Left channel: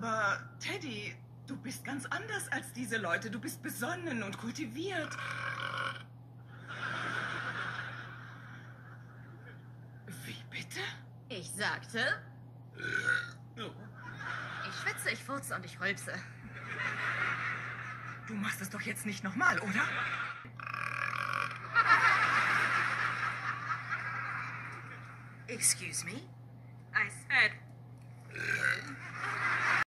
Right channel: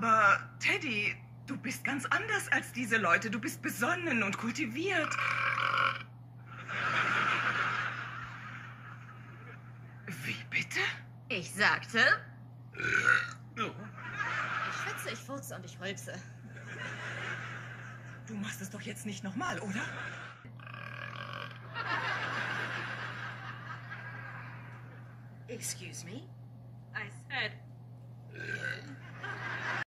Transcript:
Aber Teddy, du bist ganz anders als diese Leute. Du bist besonnen und kultiviert. Wie bitte? Ich sagte, Oh. ich schwitze, ich furze und ich rülpse. Du machst es doch jetzt nicht nochmal, oder? Excuse me? I said...